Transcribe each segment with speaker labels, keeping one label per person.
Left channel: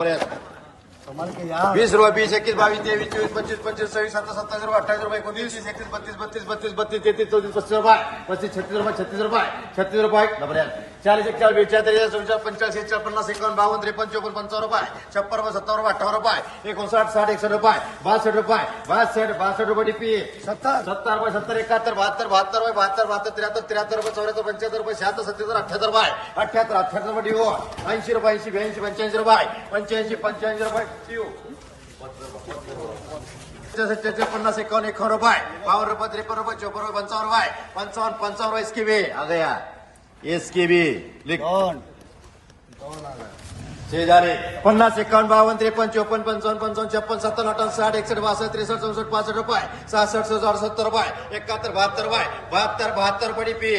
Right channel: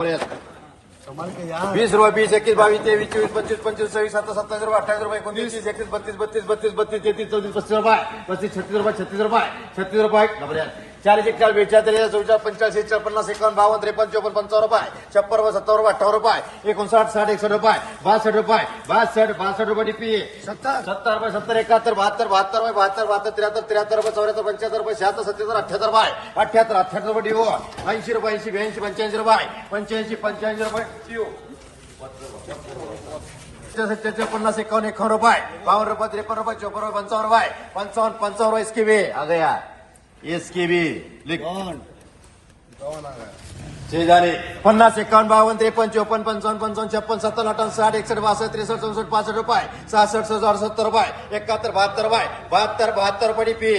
Speaker 1: वीस रुपये वीस एकवीस बावीस तेवीस चोवीस पंचवीस पंचवीस सव्वीस सत्तावीस सत्तावीस रुपये अठ्ठावीस रुपये एकोणतीस तीस एकतीस बत्तीस बत्तीस बत्तीस बत्तीस तेहतीस चौतीस पस्तीस रुपये पस्तीस छत्तीस रुपये छत्तीस रुपये छत्तीस रुपये डबल चाळीस एकचाळीस बेचाळीस चौचाळीस पंचाळीस एकचाळीस पन्नास एकावन्न बावन्न त्रेपन्न चौपन्न पंचावन्न रुपये. छप्पन रुपये सत्तावन्न रुपये अठ्ठावन्न रुपये. एकोणसाठ साठ एकसष्ट रुपये. बासष्ट रुपये बासष्ट बासष्ट रुपये टीपी सत्तर. रुपये सत्तर एकाहत्तर बहात्तर बहात्तर रुपये बहात्तर बहात्तर त्र्याहत्तर त्र्याहत्तर रुपये चौऱ्याहत्तर पंच्याहत्तर रुपये शहात्तर सत्याहत्तर अठ्याहत्तर रुपये. अठ्याहत्तर अठ्याहत्तर रुपये डिओ ऐंशी रुपये ऐंशी ब्याऐंशी पंच्याऐंशी रुपये. पंच्याऐंशी पंच्याऐंशी रुपये डिओ सत्याच्या पन्नास एकावन्न एकावन्न रुपये. बावन्न रुपये त्रेपन्न रुपये चौपन्न रुपये पंचावन्न रुपये. पंचावन्न पंचावन्न रुपये इसके भी. आ गया इसके भी लिख झाले. पन्नास एकावन्न बावन्न त्रेपन्न चौपन्न पंचावन्न पंचावन्न छप्पन सत्तावन्न अठ्ठावन्न साठ एकसष्ट बासष्ट त्रेसष्ट चौसष्ट पासष्ट रुपये. सहासष्ट सहासष्ट अडसत्तर रुपये. एकाहत्तर बहात्तर रुपये. बहात्तर बहात्तर रुपये पी.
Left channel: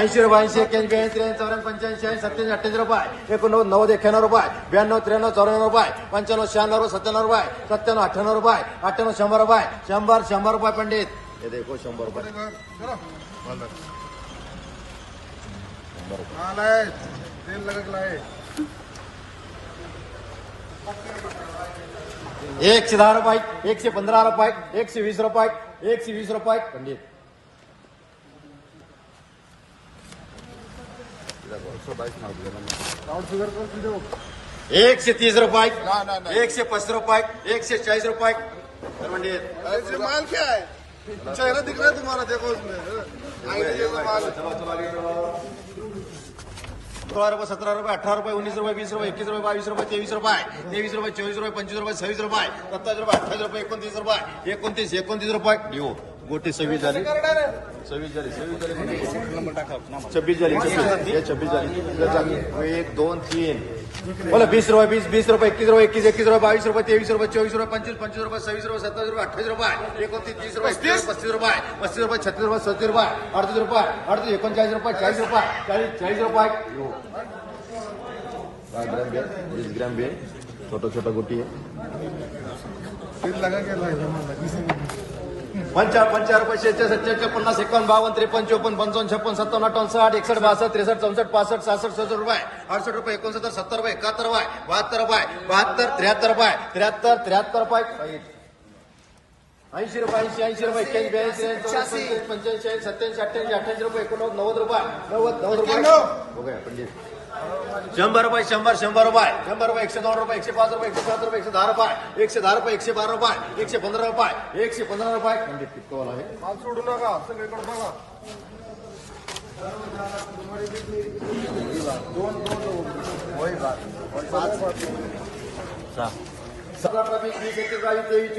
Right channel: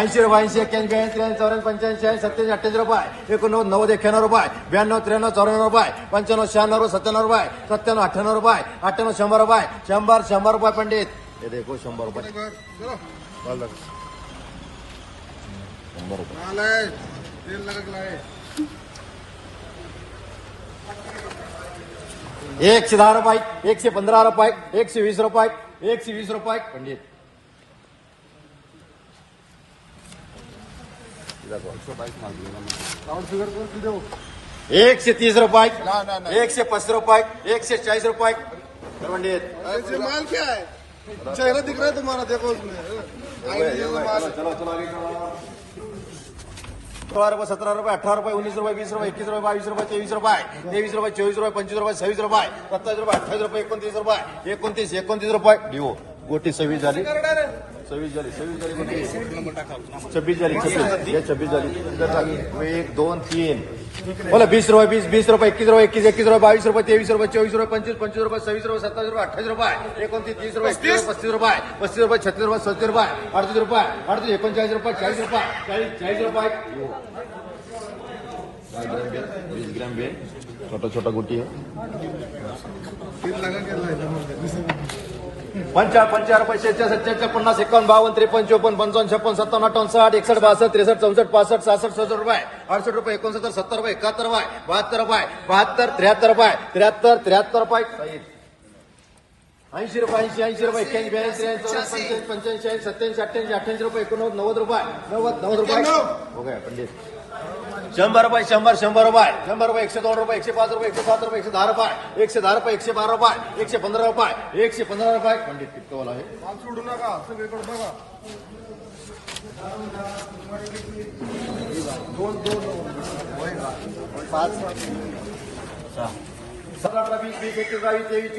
Speaker 1: ऐंशी रुपये ऐंशी एक्क्याऐंशी ब्याऐंशी चौऱ्याऐंशी पंच्याऐंशी ऐंशी सत्याऐंशी अठ्ठ्याऐंशी रुपये. एकोणनव्वद नव्वद एक्क्याण्णव रुपये. ब्याण्णव त्र्याण्णव चौऱ्याण्णव रुपये. पंच्याण्णव शहाण्णव सत्त्याण्णव रुपये. सत्त्याण्णव अठ्ठ्याण्णव रुपये. अठ्ठ्याण्णव शंभर रुपये. शंभर शंभर रुपये पंडित. हे देखो शंभर रुपये एकशे दहा रुपये एकशे पंधरा रुपये एकशे वीस रुपये एकशे वीस रुपये पंडित। एकशे तीस रुपये एकशे पस्तीस रुपये एकशे चाळीस रुपये पंडित।
Speaker 2: माल क्या है? चेहरा दिख रहा है तुम्हारा, देखो उसमें।
Speaker 1: सोळा रुपये सतरा रुपये उन्नीस रुपये बीस रुपये इक्कीस रुपये बाईस रुपये तेईस रुपये तेईस रुपये चौबीस रुपये पच्चीस रुपये छब्बीस रुपये सत्ताईस रुपये अठाईस रुपये एकोणतीस रुपये एकोणतीस एकोणतीस रुपये देऊ गोटी सव्वीस छब्बीस झाली हे छब्बीस झाली एक दोन तीन। बोला वीस रुपये बीस वीस रुपये एकवीस रुपये एकवीस एकवीस रुपये बावीस रुपये तेवीस रुपये चौबीस रुपये पंचवीस पंचवीस रुपये सव्वीस रुपये सत्तावीस रुपये अठ्ठावीस रुपये तीस रुपये पस्तीस? पस्तीस रुपये पस्तीस रुपये छत्तीस रुपये सत्तर रुपये अडतीस रुपये अडतीस एकोणचाळीस रुपये चाळीस रुपये चाळीस चाळीस रुपये हो. दस ग्राम बेल बीस ग्राम बेल छोटा छोटा गुटी. पंचा पंचा रुपये शेहेचाळ सत्याच्या पन्नास एकावन्न बावन्न त्रेपन्न चोपन्न पंचावन्न छप्पन सत्तावन्न अठ्ठावन्न साठ एकसष्ट बासष्ट त्रेसष्ट चौसष्ट पासष्ट सहासष्ट सहासष्ट रुपये. अडुसष्ट रुपये एकोणसत्तर सत्तर रुपये एकाहत्तर रुपये बहात्तर रुपये बहात्तर त्र्याहत्तर रुपये त्र्याहत्तर त्र्याहत्तर रुपये. ऐंशी रुपये ऐंशी ऐंशी रुपये एक्क्याऐंशी ब्याऐंशी पंच्याऐंशी ऐंशी सत्याऐंशी अठ्ठ्याऐंशी अठ्ठ्याऐंशी रुपये एकोणनव्वद नव्वद रुपये. नव्वद नव्वद रुपये. शंभर रुपये, शंभर शंभर रुपये शंभर रुपये एकशे दोन रुपये एकशे पाच रुपये एकशे सात रुपये एकशे दहा रुपये एकशे दहा रुपये एकशे बारा रुपये एकशे पंधरा रुपये एकशे पंधरा रुपये। पंडित कितने वाला आहे
Speaker 2: सोडू नका सगळीकडे बघा
Speaker 1: सतरा वीस वीस एकवीस बावीस तेवीस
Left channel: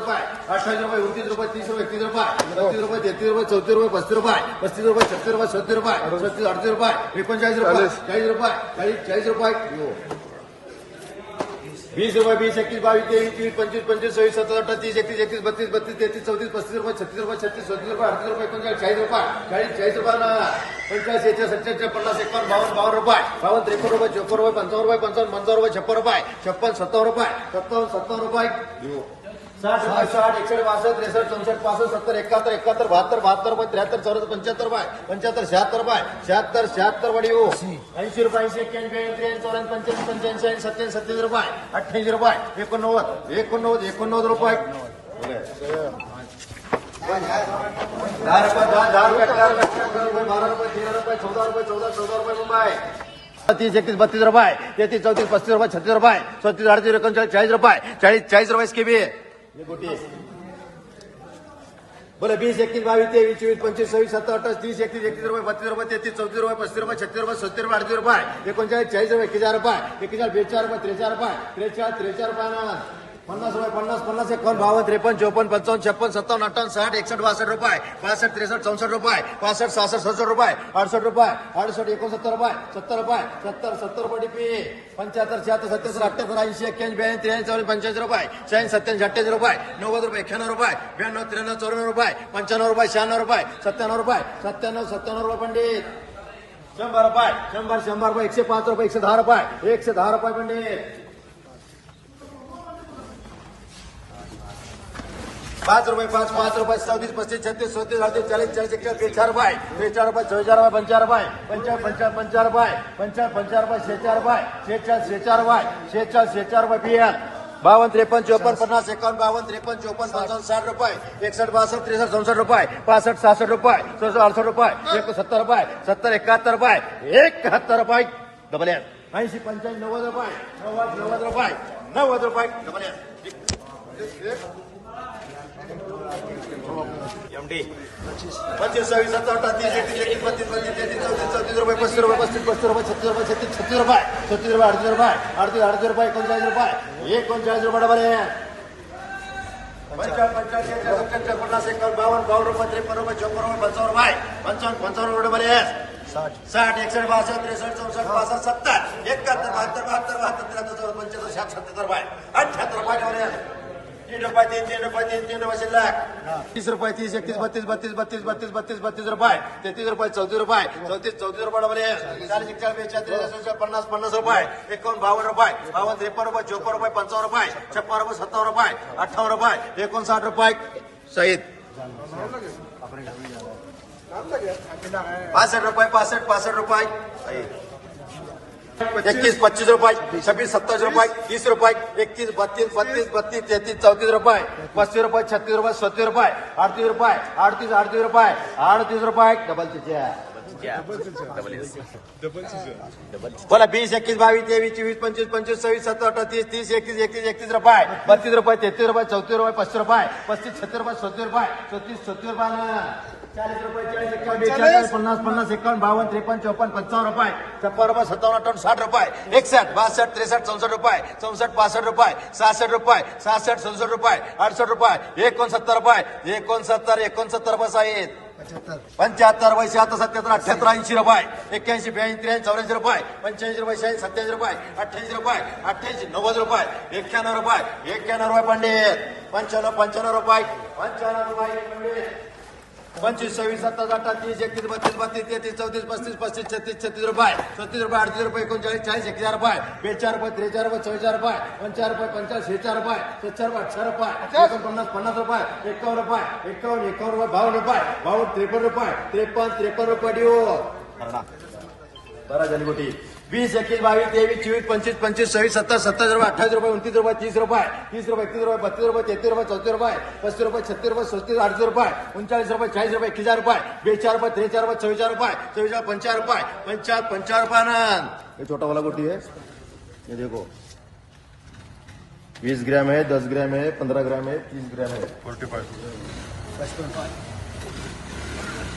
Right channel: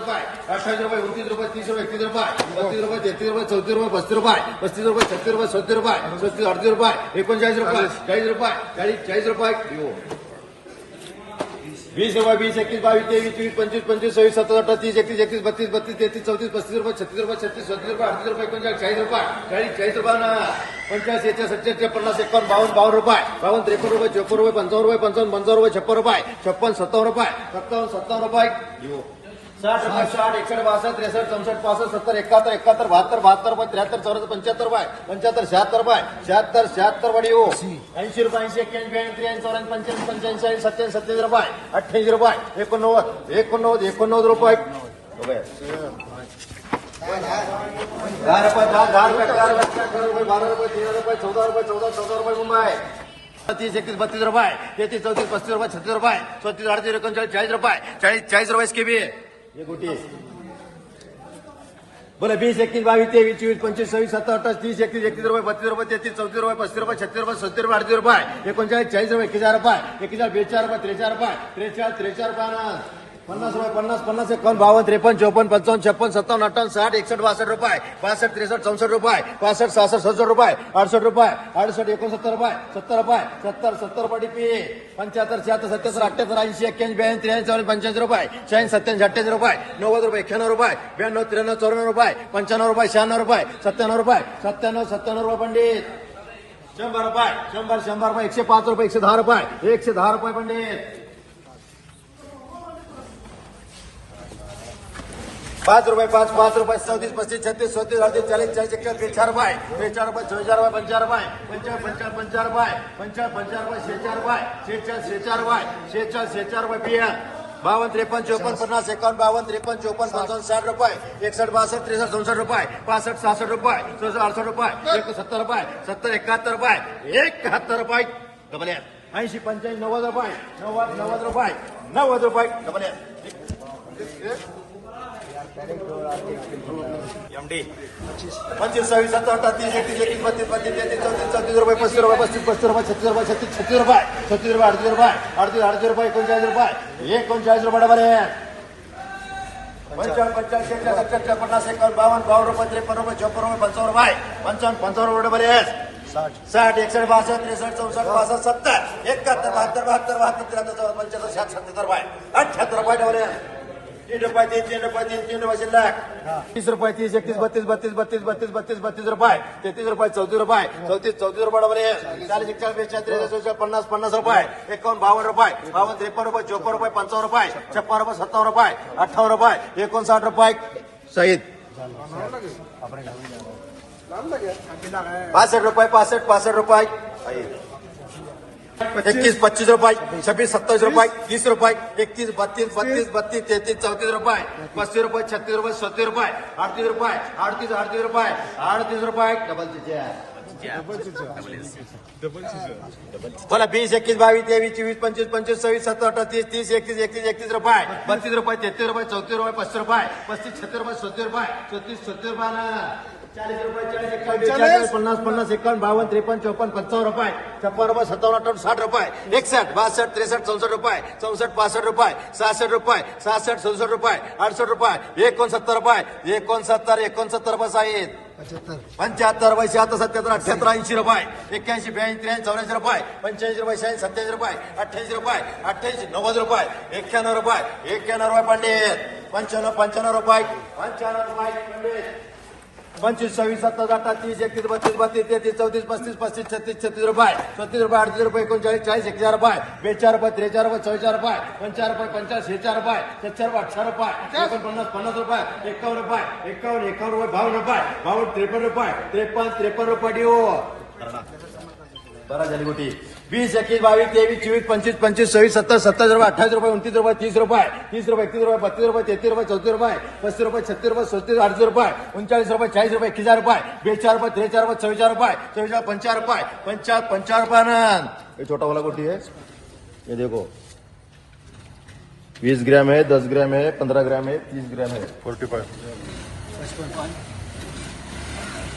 Speaker 1: रुपये अठ्ठावीस तीस रुपये एकतीस रुपये बत्तीस रुपये चौतीस रुपये पस्तीस रुपये पस्तीस रुपये छत्तीस रुपये सत्तर रुपये पस्तीस अडतीस रुपये एकोणचाळीस रुपये चाळीस रुपये चाळीस चाळीस रुपये हो. वीस रुपये वीस एकतीस बावीस तेवीस चोवीस पंचवीस पंचवीस सव्वीस सत्तर अठरा तीस एकतीस एकतीस बत्तीस बत्तीस तेहतीस चौतीस पस्तीस रुपये छत्तीस रुपये छत्तीस सत्तीस रुपये अडतीस रुपये एकोणचाळीस चाळीस रुपये चाळीस चाळीस रुपये ना. पंचाळीस येते सत्याहत्तर पन्नास एकावन्न बावन्न बावन्न रुपये बावन्न त्रेपन्न रुपये चोपन्न रुपये पंचावन्न रुपये पंचावन्न पंचावन्न रुपये छप्पन रुपये छप्पन सत्तावन्न रुपये सत्तावन्न सत्तावन्न रुपये देऊ. साठ साठ एकसष्ट बासठ त्रेसष्ट चौसष्ट पासष्ट सत्तर एकाहत्तर एकाहत्तर बहात्तर बहात्तर रुपये त्र्याहत्तर चौऱ्याहत्तर पंच्याहत्तर रुपये पंच्याहत्तर शहात्तर रुपये शहात्तर शहात्तर वाडी हो। ऐंशी रुपये ऐंशी एक्क्याऐंशी त्र्याऐंशी चौऱ्याऐंशी पंच्याऐंशी पंच्याऐंशी ऐंशी सत्याऐंशी सत्याऐंशी रुपये अठ्ठ्याऐंशी रुपये एकोणनव्वद एकोणनव्वद एकोणनव्वद रुपये। दहा रुपये, दहा दहा रुपये बारा रुपये तेरा रुपये, चौदा रुपये, चौदा चौदा रुपये तीस, एकतीस, बत्तीस रुपये, तेहतीस, चौतीस, पस्तीस रुपये, छत्तीस रुपये, सत्तीस, अडतीस, एकोणचाळीस, चाळीस रुपये, चाळीस चाळीस रुपये इसके भी ये गोटी। बीस एकतीस बावीस तेवीस चोवीस पंचवीस सव्वीस सत्तर अठ्ठावीस तीस एकतीस एकतीस रुपये बत्तीस रुपये तेहतीस चौतीस रुपये पस्तीस रुपये छत्तीस रुपये सत्तर रुपये अडतीस रुपये एकोणचाळीस चाळीस रुपये एक हजार रुपये एक हजार बेचाळीस रुपये त्रेचाळीस रुपये त्रेचाळीस त्रेचाळीस रुपये पन्नास रुपये, पन्नास पन्नास एकावन्न बावन्न त्रेपन्न चौपन्न पंचावन्न छप्पन सत्तावन्न अठ्ठावन्न साठ एकसष्ट बासष्ट रुपये बासष्ट त्रेसष्ट चौसष्ट रुपये पासष्ट सहासष्ट सदुसष्ट रुपये अडसष्ट रुपये अडसष्ट एकोणसत्तर रुपये, सत्तर रुपये, सत्तर सत्तर रुपये टिपी पंच्याहत्तर शहात्तर सत्याहत्तर अठ्ठ्याहत्तर ऐंशी एक्क्याऐंशी ब्याऐंशी, त्र्याऐंशी चौऱ्याऐंशी पंच्याऐंशी रुपये, शहाऐंशी, सत्त्याऐंशी, अठ्ठ्याऐंशी रुपये, नव्वद रुपये एक्क्याण्णव रुपये, ब्याण्णव, त्र्याण्णव, चौऱ्याण्णव रुपये, पंच्याण्णव रुपये, शहाण्णव रुपये, सत्त्याण्णव रुपये, सत्त्याण्णव सत्त्याण्णव रुपये पंडित. शंभर रुपये, शंभर शंभर रुपये, एकशे पाच रुपये, एकशे दहा रुपये, एकशे दहा रुपये पंडित. पाच रुपये पाच पाच रुपये सव्वीस पस्तीस छत्तीस, सत्तीस, अडतीस चाळीस चाळीस एकशे बेचार रुपये बेचार रुपये चौचार रुपये पंचार रुपये पंचाळीस पंचाळीस पंचार रुपये पंचाळीस पंचार रुपये शेचार रुपये शेचाळीस शेचार रुपये शेचाळीस शेचार रुपये पिया बावन्न त्रेपन्न चोपन्न पन्नास एकावन्न बावन्न त्रेपन्न चोपन्न पंचावन्न साठ रुपये एकसष्ट बासष्ट त्रेसष्ट चौसष्ट रुपये पासष्ट सहासष्ट रुपये चौसष्ट अडसष्ट रुपये एक सत्तर रुपये सत्तर एकाहत्तर रुपये एकाहत्तर रुपये डबल ऐंशी पंच्याऐंशी नव्वद रुपये नव्वद नव्वद नव्वद रुपये डबल पंचवीस सव्वीस सत्तर अठरा तीस एकतीस एकतीस बत्तीस बत्तीस तेहतीस चौतीस चौतीस रुपये पस्तीस रुपये पस्तीस पस्तीस रुपये छत्तीस रुपये छत्तीस छत्तीस रुपये छत्तीस रुपये अडतीस रुपये अडतीस अडतीस रुपये एकोणचाळीस रुपये एकोणचाळीस रुपये आहे पन्नास एकावन्न बावन्न बावन्न रुपये त्रेपन्न रुपये छप्पन्न रुपये पंचावन्न रुपये पंचावन्न पंचावन्न रुपये डबल साठ। साठ एकसष्ट बासष्ट त्रेसष्ट चौसष्ट पासष्ट सत्तर एकाहत्तर बहात्तर बहात्तर बहात्तर त्र्याहत्तर चौदा पंच्याहत्तर साठ सत्याहत्तर रुपये अठ्याहत्तर रुपये डबल आहे तीन रुपये तीन तीन तीन तीन रुपये शिल्लक तीस रुपये तीस एकतीस बत्तीस बत्तीस बत्तीस बत्तीस बत्तीस बत्तीस रुपये तेहतीस रुपये चौतीस रुपये चौतीस चौतीस रुपये डबल चाळीस एकचाळीस बेचाळीस त्रेचाळीस पन्नास पन्नास रुपये एकावन्न बावन्न रुपये बावन्न त्रेपन्न रुपये चौपन्न रुपये पंचावन्न रुपये छप्पन्न रुपये सत्तावन्न रुपये अठ्ठावन्न रुपये एकोणसाठ रुपये सहित पासष्ट रुपये पासष्ट पासष्ट रुपये एकतीस पच्चीस रुपये छब्बीस सत्ताईस रुपये तीस रुपये एकतीस बत्तीस बत्तीस बत्तीस तेहतीस चौतीस रुपये पस्तीस रुपये छत्तीस रुपये सत्तीस रुपये अडतीस रुपये अडतीस अडतीस रुपये अडतीस रुपये डबल बोला बीस एकवीस बावीस तेवीस चोवीस पंचवीस पंचवीस सव्वीस सत्तर अठरा तीस तीस एकतीस एकतीस एकतीस रुपये बत्तीस रुपये तेहतीस रुपये चौतीस रुपये पस्तीस रुपये पस्तीस छत्तीस रुपये सत्तर रुपये छत्तीस सत्तर रुपये ना चाळीस रुपये चाळीस एकावन्न बेचाळीस पन्नास पन्नास एकावन्न बावन्न त्रेपन्न चौपन्न पंचावन्न रुपये. सत्तावन्न अठ्ठावन्न साठ रुपये. एकसष्ट बासष्ट त्रेसष्ट चौसष्ट रुपये. चौसष्ट पासष्ट रुपये. सहासष्ट रुपये. सहासष्ट सदुसष्ट रुपये. अडसष्ट रुपये. एकोणसत्तर रुपये. एकोणसत्तर पंच्याहत्तर. रुपये शहात्तर सत्याहत्तर अठ्याहत्तर ऐंशी रुपये. एक्क्याऐंशी ब्याऐंशी चौऱ्याऐंशी रुपये. पंच्याऐंशी रुपये सत्याऐंशी रुपये. अठ्ठ्याऐंशी रुपये अठ्ठ्याऐंशी नव्वद रुपये. एक्क्याण्णव रुपये एक्क्याण्णव रुपये पंडित. पंच्याण्णव पंच्याण्णव रुपये. पंच्याण्णव रुपये पंडित. पंचवीस सव्वीस अठरा तीस एकतीस बत्तीस बत्तीस तेहतीस चौतीस पस्तीस पस्तीस छत्तीस छत्तीस रुपये छत्तीस रुपये, अडतीस रुपये एकोणचाळीस चाळीस एकचार रुपये बेचार रुपये त्रेचार रुपये चौचार रुपये पंचार रुपये पंचाळीस शेचार रुपये, सत्तर रुपये अठरा रुपये, एकोणपन्नास, पन्नास रुपये, एकावन्न रुपये, एकावन्न एकावन्न रुपये बावन्न रुपये बावन्न त्रेपन्न रुपये, त्रेपन्न त्रेपन्न रुपये, डिओ. बरं झाली वीस एकवीस बावीस तेवीस चोवीस पंचवीस पंचवीस सव्वीस सत्तर सत्तर रुपये, अठ्ठावीस रुपये, उनतीस रुपये, तीस रुपये तीस रुपये, एकतीस रुपये, बत्तीस रुपये, तेहतीस रुपये, चौतीस रुपये, पस्तीस रुपये, छत्तीस रुपये, सत्तीस, अडतीस रुपये, उनचाळीस रुपये, चाळीस रुपये एकवीस रुपये बेचार रुपये त्रेचार रुपये चव्वेचार रुपये चव्वेचार पंचार रुपये पंचार पंचार रुपये छोटा वाला गोटी है ये देखो. बीस ग्राम है दस ग्राम है पंद्रह ग्राम है तीस ग्राम है
Speaker 2: फोर्टी फाय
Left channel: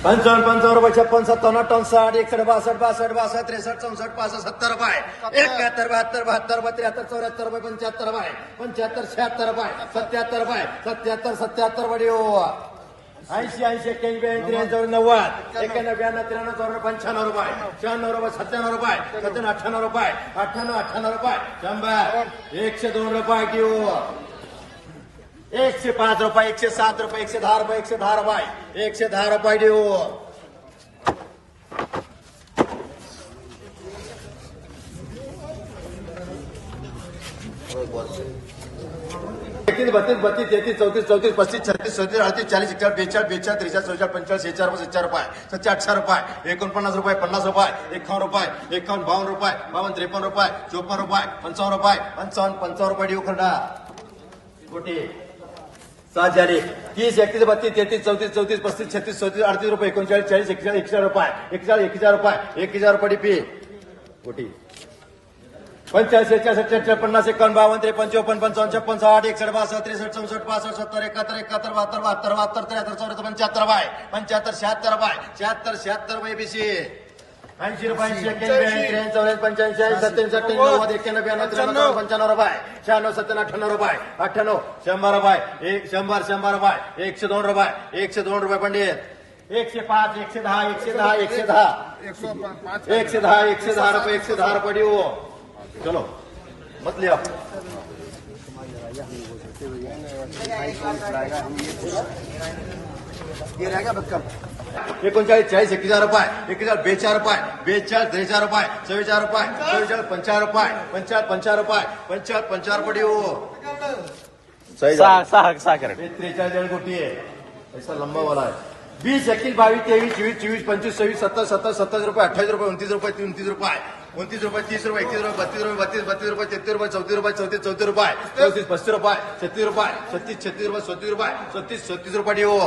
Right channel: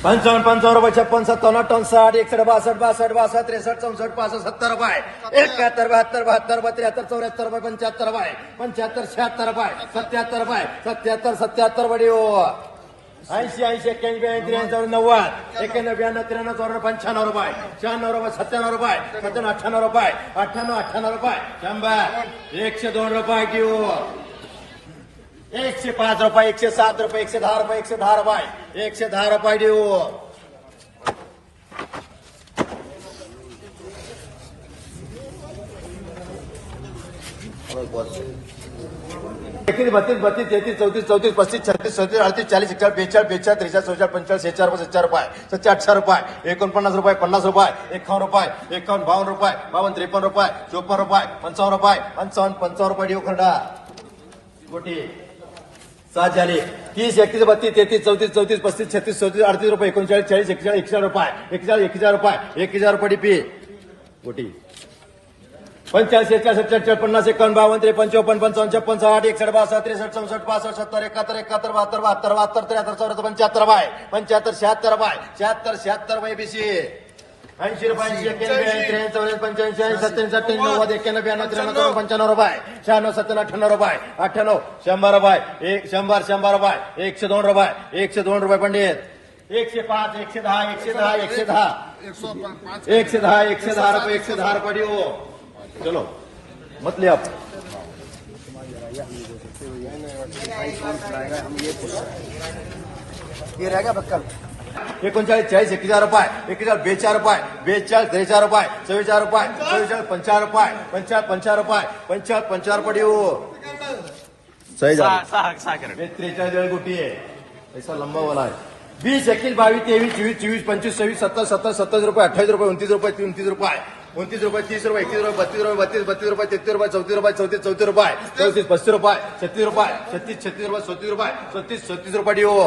Speaker 1: पंचावन्न पंचावन्न रुपये, छप्पन सत्तावन्न अठ्ठावन्न साठ एकसष्ट बासठ बासठ बासष्ट त्रेसष्ट चौसष्ट पासष्ट, सत्तर रुपये। एकाहत्तर, बहत्तर, बहात्तर रुपये, त्र्याहत्तर, चौऱ्याहत्तर रुपये, पंच्याहत्तर रुपये। पंचहत्तर शहात्तर रुपये, सत्याहत्तर रुपये, सत्याहत्तर सत्याहत्तर रुपये हो ऐंशी ऐंशी, एक्क्याऐंशी, ब्याऐंशी, त्र्याऐंशी नव्वद, एक्क्याण्णव, ब्याण्णव, त्र्याण्णव, चौऱ्याण्णव, पंच्याण्णव रुपये, शहाण्णव रुपये, सत्त्याण्णव रुपये, सत्त्याण्णव अठ्ठ्याण्णव रुपये अठ्ठ्याण्णव अठ्ठ्याण्णव रुपये, शंभर, एकशे दोन रुपये घेऊ एकशे पाच रुपये एकशे सात रुपये एकशे दहा रुपये एकशे दहा रुपये एकशे दहा रुपये देऊ एकतीस बत्तीस बत्तीस तेहतीस चौतीस चौतीस पस्तीस छत्तीस सत्तीस अडतीस चाळीस चार बेचाळ बेचाळ त्रेचाळ चौचाळ पंचाळीस शेचाळ सत्तर रुपये सत्तर अठरा रुपये एकोणपन्नास रुपये पन्नास रुपये एकावन्न रुपये एकावन्न बावन्न रुपये बावन्न त्रेपन्न रुपये चोपन्न रुपये पंचावन्न रुपये पंचावन्न पंचावन्न रुपये देऊ खरडा कोटी सात झाली. तीस एकतीस बत्तीस तेहतीस चौतीस चौतीस पस्तीस छत्तीस चौतीस अडतीस रुपये एकोणचाळीस चाळीस एकचाळीस एकशे रुपये एकचाळीस एक हजार रुपये एक हजार रुपये पी कोटी. पंचाळीस एकचाळीस सत्तर पन्नास एकावन्न बावन्न त्रे पंचावन्न पंचावन्न छप्पन साठ एकसष्ट बासष्ट त्रेसष्ट चौसष्ट पासष्ट सत्तर एकाहत्तर एकाहत्तर बहात्तर बहात्तर बहात्तर त्र्याहत्तर चौऱ्याहत्तर पंच्याहत्तर बाय पंच्याहत्तर शहात्तर बाय शहात्तर शहात्तर बाय बीसी ऐंशी रुपये ऐंशी एक्क्याऐंशी ब्याऐंशी त्र्याऐंशी चौऱ्याऐंशी पंच्याऐंशी सत्त्याऐंशी अठ्ठ्याण्णव नव्वद एक्क्याण्णव ब्याण्णव त्र्याण्णव पंच्याण्णव रुपये शहाण्णव सत्त्याण्णव अठ्ठ्याण्णव रुपये अठ्ठ्याण्णव शंभर रुपये एक शंभर शंभर रुपये एकशे दोन रुपये एकशे दोन रुपये पंडित। एकशे पाच एकशे दहा एकशे दहा एकशे दहा
Speaker 2: एक
Speaker 1: एकशे दहा एकशे दहा रुपये एकशे दहा रुपये चलो मत लिया
Speaker 2: ये रहेगा बच्चा
Speaker 1: एकोणचाळीस चाळीस एक हज़ार रुपये एक हज़ार बेचार रुपये बेचाळीस त्रेचार रुपये चव्वेचार रुपये चव्वेचाळीस पंचाळीस रुपये पंचाळीस पंचाळीस रुपये पंचाळीस पंचाळीस रुपये देऊ. सही
Speaker 3: सहा सहा सहा कॅरेट
Speaker 1: ये त्रेचाळीस गोटी है ऐसा लंबा वाला है बीस इक्कीस बाईस तेईस चौबीस चौबीस पंचवीस छब्बीस सत्तर सत्तर सत्ताईस रुपये अट्ठाईस रुपये उनतीस रुपये उनतीस रुपये उनतीस रुपये तीस रुपये एकतीस रुपये बत्तीस रुपये बत्तीस बत्तीस रुपये तेहत्तीस रुपये चौतीस रुपये चौतीस चौतीस रुपये चौतीस पस्तीस रुपये छत्तीस रुपये छत्तीस छत्तीस रुपये सत्तीस रुपये छत्तीस छत्तीस रुपये डी हो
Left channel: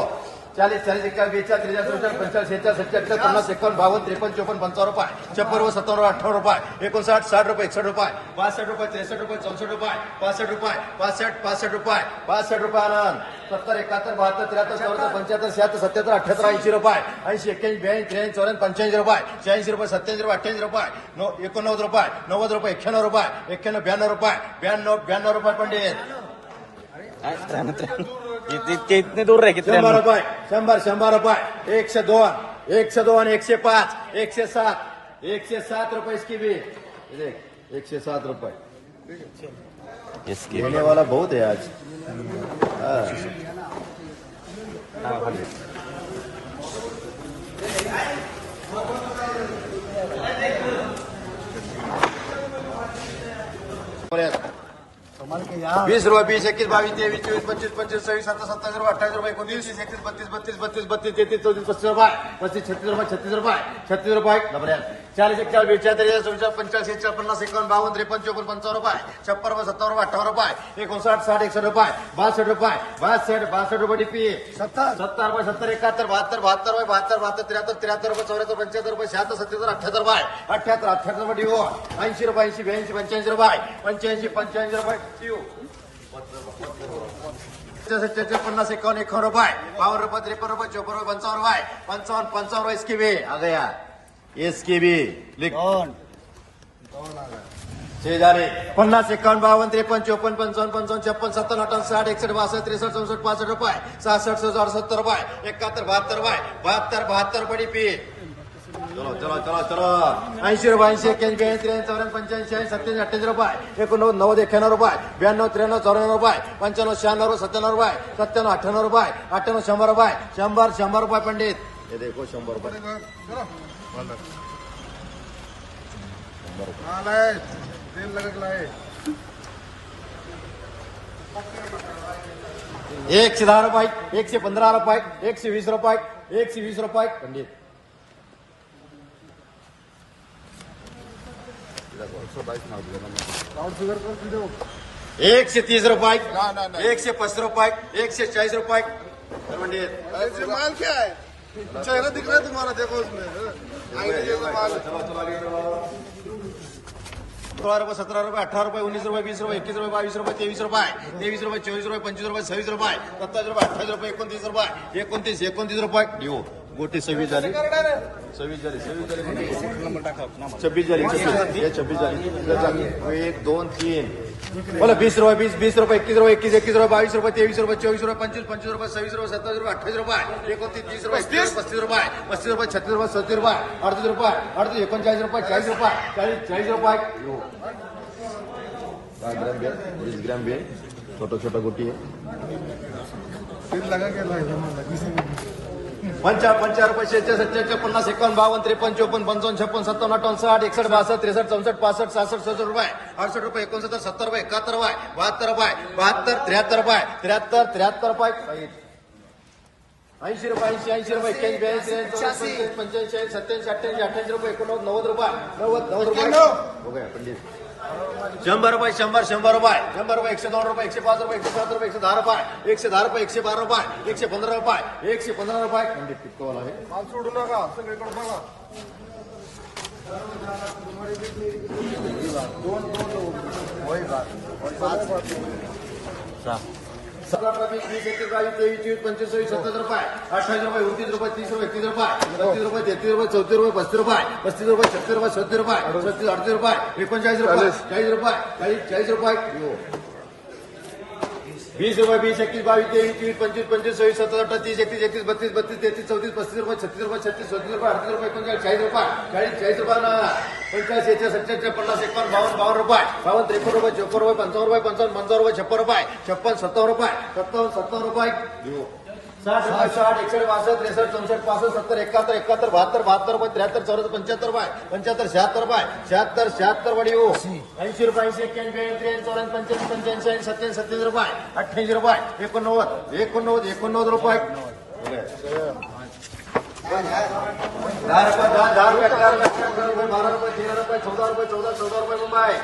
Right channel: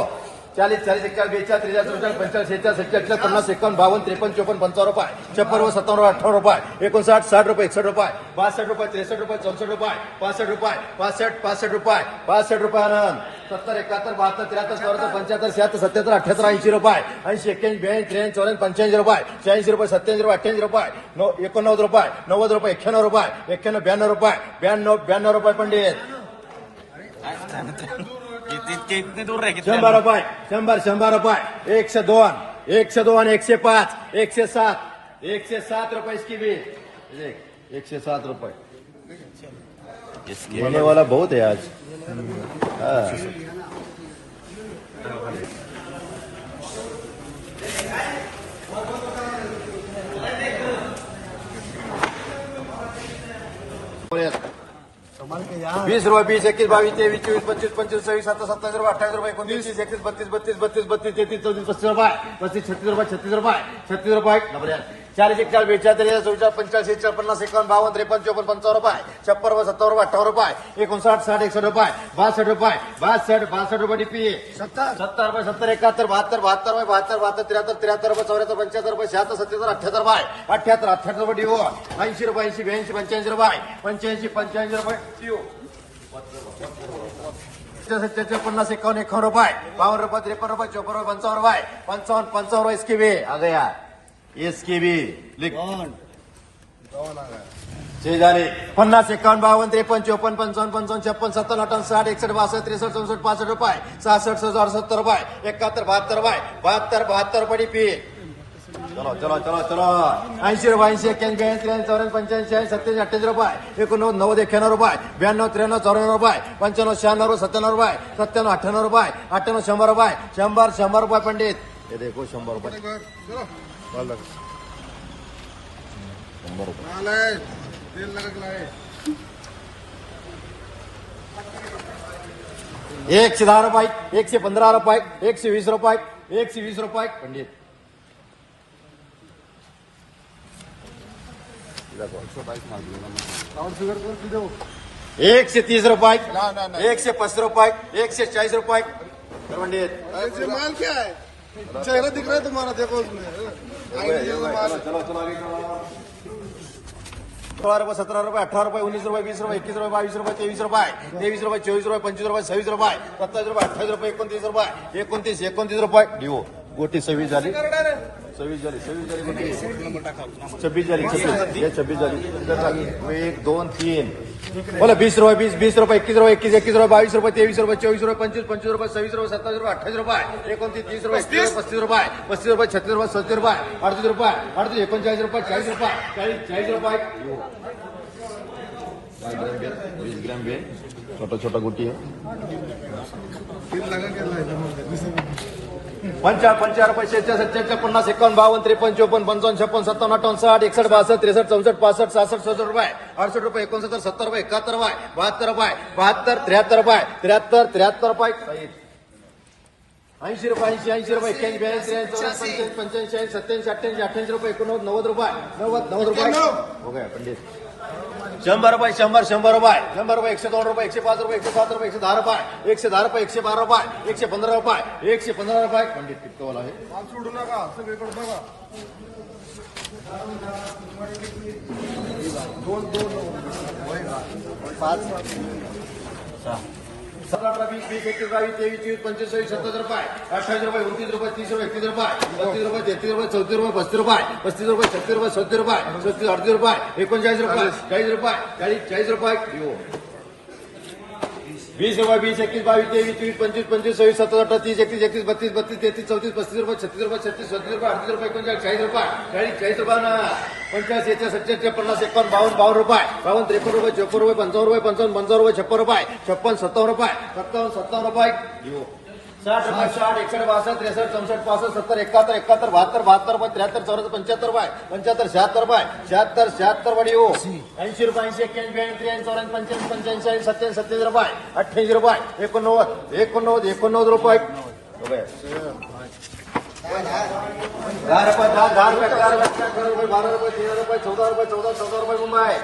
Speaker 1: चालीस चालीस, इक्यावन बेचाळीस त्रेचाळीस चौचाळीस पंचाळीस शेहेचाळीस सत्तर अठ्ठ्याहत्तर पन्नास, एकावन्न, बावन्न, त्रेपन्न, चोपन्न, पंचावन्न रुपये छप्पन्न सत्तावन्न अठ्ठावन्न रुपये, एकोणसाठ, साठ रुपये एकसष्ट रुपये, बासष्ट रुपये, त्रेसष्ट रुपये, चौसष्ट रुपये, पासष्ट रुपये, पासष्ट पासष्ट रुपये पासष्ट रुपये रन सत्तर, एकाहत्तर, बहात्तर, त्र्याहत्तर, चौऱ्याहत्तर, पंच्याहत्तर, शहात्तर, सत्याहत्तर, अठ्याहत्तर, ऐंशी रुपये, ऐंशी, एक्क्याऐंशी ब्याऐंशी त्र्याऐंशी चौऱ्याऐंशी पंच्याऐंशी रुपये, शहाऐंशी रुपये, सत्याऐंशी रुपये अठ्ठ्याऐंशी रुपये एकोणनव्वद रुपये, नव्वद रुपये, एक्क्याण्णव रुपये, एक्क्याण्णव, ब्याण्णव रुपये, ब्याण्णव ब्याण्णव रुपये, पंडित.
Speaker 3: ते इतने दूर रहे? कितने
Speaker 1: शंभर रुपये शंभर शंभर रुपये। एकशे दोन एकशे दोन एकशे पाच एकशे सात एकशे सात रुपये इसकी भी। ये देख एकशे सात रुपये।
Speaker 3: इसके
Speaker 1: होने वाला बहुत है आज। हाँ। वीस रुपये बीस एकवीस बावीस तेवीस चोवीस पंचवीस पंचवीस सव्वीस सत्तावीस सत्तावीस रुपये अठ्ठावीस रुपये एकोणतीस तीस एकतीस बत्तीस बत्तीस बत्तीस बत्तीस तेहतीस चौतीस पस्तीस रुपये पस्तीस छत्तीस रुपये छत्तीस रुपये छत्तीस रुपये डबल चाळीस एकचाळीस बेचाळीस चौचाळीस पंचाळीस एकचाळीस पन्नास एकावन्न बावन्न त्रेपन्न चौपन्न पंचावन्न रुपये छप्पन रुपये सत्तावन्न रुपये अठ्ठावन्न रुपये एकोणसाठ साठ एकसष्ट रुपये बासष्ट रुपये बासष्ट बासष्ट रुपये डीपी सत्तर। रुपये सत्तर एकाहत्तर बहात्तर बहात्तर रुपये बहात्तर बहात्तर त्र्याहत्तर त्र्याहत्तर रुपये चौऱ्याहत्तर पंच्याहत्तर रुपये शहात्तर सत्याहत्तर अठ्याहत्तर रुपये अठ्याहत्तर अठ्याहत्तर रुपये डिओ ऐंशी रुपये ऐंशी ब्याऐंशी पंच्याऐंशी रुपये पंच्याऐंशी पंच्याऐंशी रुपये डिओ सत्याच्या पन्नास एकावन्न एकावन्न रुपये बावन्न रुपये त्रेपन्न रुपये चौपन्न रुपये पंचावन्न रुपये पंचावन्न पंचावन्न रुपये इसकी भी। आ गया इसकी भी। लिख। छह झाले पन्नास एकावन्न बावन्न त्रेपन्न चौपन्न पंचावन्न पंचावन्न छप्पन सत्तर अठ्ठावन्न साठ एकसष्ट बासष्ट त्रेसष्ट चौसष्ट पासष्ट रुपये सहासष्ट सहासष्ट सत्तर रुपये एकाहत्तर बहात्तर रुपये बहात्तर बहात्तर रुपये पी चला चला चला. ऐंशी रुपये ऐंशी एक्क्याऐंशी ब्याऐंशी त्र्याऐंशी चौऱ्याण्णव पंच्याऐंशी ऐंशी सत्त्याऐंशी अठ्ठ्याऐंशी रुपये. एकोणनव्वद नव्वद एक्क्याण्णव रुपये. ब्याण्णव त्र्याण्णव चौऱ्याण्णव रुपये. पंच्याण्णव शहाण्णव रुपये सत्त्याण्णव रुपये. सत्त्याण्णव अठ्ठ्याण्णव रुपये. अठ्ठ्याण्णव शंभर रुपये. शंभर शंभर रुपये पंडित. देखो शंभर रुपये. एकशे दहा रुपये एकशे पंधरा रुपये एकशे वीस रुपये एकशे वीस रुपये पंडित. एकशे तीस
Speaker 2: रुपए
Speaker 1: एकशे चाळीस रुपये तर पंडित
Speaker 2: माल क्या है? चेहरा दिख रहा है तुम्हारा देखो उसमें। आईडी ले लो माल।
Speaker 1: सोळा रुपये सतरा रुपये अठरा रुपये उन्नीस रुपये वीस रुपये एकवीस रुपये बावीस रुपये तेवीस रुपये तेवीस रुपये चोवीस रुपये पंचवीस रुपये सव्वीस रुपये सत्तावीस रुपये अठ्ठावीस रुपये एकोणतीस रुपये एकोणतीस एकोणतीस रुपये। देऊ गोटी सव्वीस झाली सव्वीस झाली छब्बीस झाली हे छब्बीस झाली एक दोन तीन। बोला, बीस रुपये बीस बीस रुपये एकतीस रुपये एकतीस एकतीस रुपये बावीस रुपये तेवीस रुपये चोवीस रुपये पंचवीस पंचवीस रुपये सव्वीस रुपये सत्तावीस रुपये अठ्ठावीस रुपये एकोणतीस तीस रुपये पस्तीस पस्तीस रुपये पस्तीस रुपये छत्तीस रुपये सत्तर रुपये अडतीस रुपये अडतीस एकोणचाळीस रुपये चाळीस रुपये चाळीस चाळीस रुपये ग्राम बेल वीस ग्राम बेल, छोटा छोटा गुटी
Speaker 2: तेल लगा के
Speaker 1: पंचा पंचा रुपये शेहेचाळीस सत्तेचाळीस पन्नास एकावन्न बावन्न त्रेपन्न चोपन्न पंचावन्न छप्पन सत्तावन्न अठ्ठावन्न साठ एकसष्ट बासष्ट त्रेसष्ट चौसष्ट पासष्ट सहासष्ट सहासष्ट रुपये. अडसष्ट रुपये एकोणसत्तर सत्तर रुपये एकाहत्तर रुपये बहात्तर रुपये बहात्तर त्र्याहत्तर रुपये त्र्याहत्तर त्र्याहत्तर रुपये. ऐंशी रुपये ऐंशी ऐंशी रुपये एक्क्याऐंशी चौऱ्याऐंशी, पंच्याऐंशी सत्याऐंशी अठ्ठ्याऐंशी अठ्ठ्याऐंशी रुपये एकोणनव्वद नव्वद रुपये. नव्वद नव्वद रुपये. शंभर रुपये शंबर शंभर रुपये शंभर रुपये एकशे दोन रुपये एकशे पाच रुपये एकशे सात रुपये एकशे दहा रुपये एकशे दहा रुपये एकशे बारा रुपये एकशे पंधरा रुपये एकशे पंधरा रुपये. पंडित कितने वाला आहे?
Speaker 2: माल सोडू नका
Speaker 1: अठरा वीस बावीस तेवीस पंचवीस सव्वीस सत्तर रुपये, अठ्ठावीस रुपये, उनतीस रुपये, तीस रुपये एकतीस रुपये बत्तीस रुपये, तेहतीस रुपये, चौतीस रुपये, पस्तीस रुपये पस्तीस रुपये छत्तीस रुपये, सत्तर रुपये, पस्तीस, अडतीस रुपये, एकोणचाळीस रुपये, चाळीस रुपये, चाळीस चाळीस रुपये. वीस रुपये वीस एकवीस बावीस तेवीस तीस पंचवीस पंचवीस सव्वीस सत्तर अठरा तीस एकतीस एकतीस बत्तीस बत्तीस तेहतीस चौतीस पस्तीस रुपये छत्तीस रुपये छत्तीस सत्तीस रुपये अडतीस रुपये एकोणचाळीस चाळीस रुपये चाळीस चाळीस रुपये ना. पंचाळीस येते सत्याहत्तर पन्नास एकावन्न बावन्न बावन्न रुपये बावन्न त्रेपन्न रुपये चोपन्न रुपये पंचावन्न रुपये पंचावन्न पंचावन्न रुपये छप्पन रुपये छप्पन सत्तावन्न रुपये सत्तावन्न सत्तावन्न रुपये. साठ रुपये, साठ, एकसठ बासठ त्रेसष्ट चौसष्ट पासष्ट, सत्तर, एकाहत्तर एकाहत्तर, बहात्तर बहात्तर रुपये, त्र्याहत्तर, चौऱ्याहत्तर, पंच्याहत्तर रुपये, पंच्याहत्तर, शहात्तर रुपये, शहात्तर शहात्तर वाडी हो. ऐंशी रुपये, ऐंशी, एक्क्याऐंशी एक्क्याऐंशी चौऱ्याऐंशी पंच्याऐंशी पंच्याऐंशी, सत्याऐंशी सत्याऐंशी रुपये, अठ्ठ्याऐंशी रुपये, एकोणनव्वद एकोणनव्वद एकोणनव्वद रुपये. दहा रुपये, दहा दहा रुपये, बारा रुपये, तेरा रुपये, चौदा रुपये, चौदा चौदा रुपये मुंबई.